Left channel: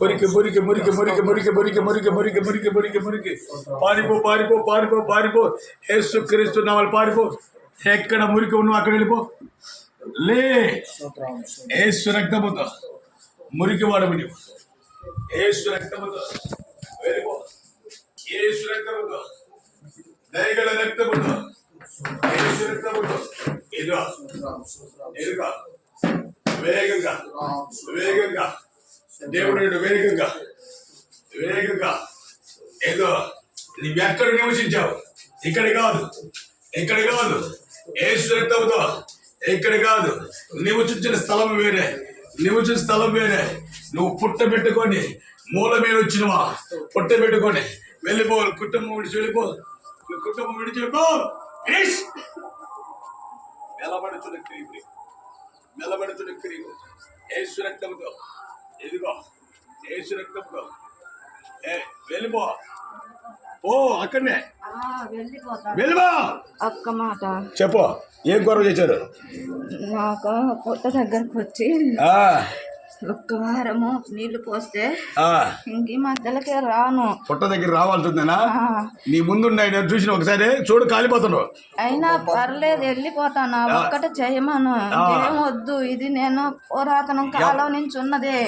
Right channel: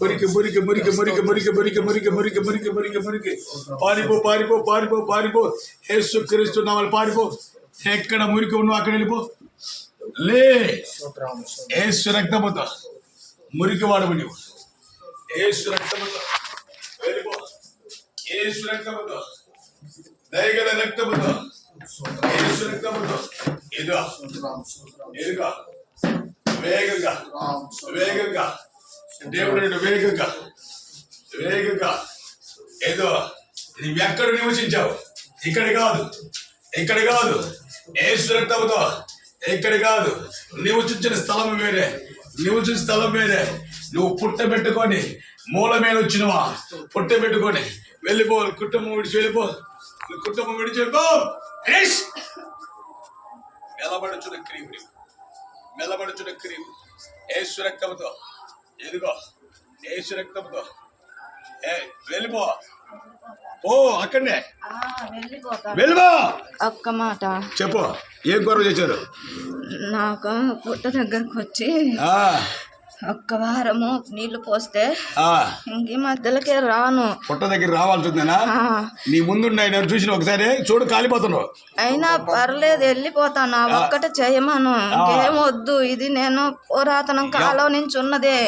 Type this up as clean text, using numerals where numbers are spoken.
మురికి మురికి మురికి మురికి మురికి మురికి మురికి మురికి మురికి మురికి మురికి పారిపో పారిపో పారిపో పారిపో యేసుక్రీస్తు నామములో పారిపో. ఎక్కడ మురికి ఉన్నావు అక్కడ వెళ్ళిపో. లే యేసు రక్తముతో మురికి వాడవు నీవు. యేసు రక్తముతో వెళ్ళిపో. యేసు రక్తముతో దయగల రక్తముతో యేసు రక్తముతో ఎదుగా ఎదుగా వేగంగా వేగంగా దేవుడు వేగంగా వేగంగా ఏదో నీవు ఎక్కడ నివసించావు. ఇక్కడ కాదు, ఇక్కడ కాదు. యేసు రక్తముతో ఇక్కడ కాదు. నివసించిన స్థలం వేరే, నివసించిన స్థలం వేరే. నువ్వు పుట్టబెట్టుకొని మూల మీద వచ్చినవా, పుట్టబెట్టుకొని వెళ్ళిపో. కుటుంబం విడిచి వెళ్ళిపో. కుటుంబం విడిచి వెళ్ళిపో. మెలబడుచున్న క్రీము, మెలబడుచున్న క్రీము యేసు రక్తముతో ఎదుగో. యేసు రక్తముతో వెళ్ళిపో. ఓ అక్కడనే వెళ్ళిపో. ఒక్క మాట చెప్పు. ఏం గొడవ చేశారు? నాకు పుట్ట దగ్గరకు వచ్చి ఒక్క వారము నీళ్లు పోస్తే ఇంక మధ్యలోకే రాను. పుట్ట దగ్గర రావాల్సిందేనా? నీ ముందు చూసిన ఒకసారి చూడు, కాలిపోతున్నావు. అయినా పర్లేదు, వెళ్ళిపోతాను. ఒక్కటే చేయమను, ఇంకేం వద్దు. ఇది నేను పురాతన కాలం నుంచి ఉన్నదే.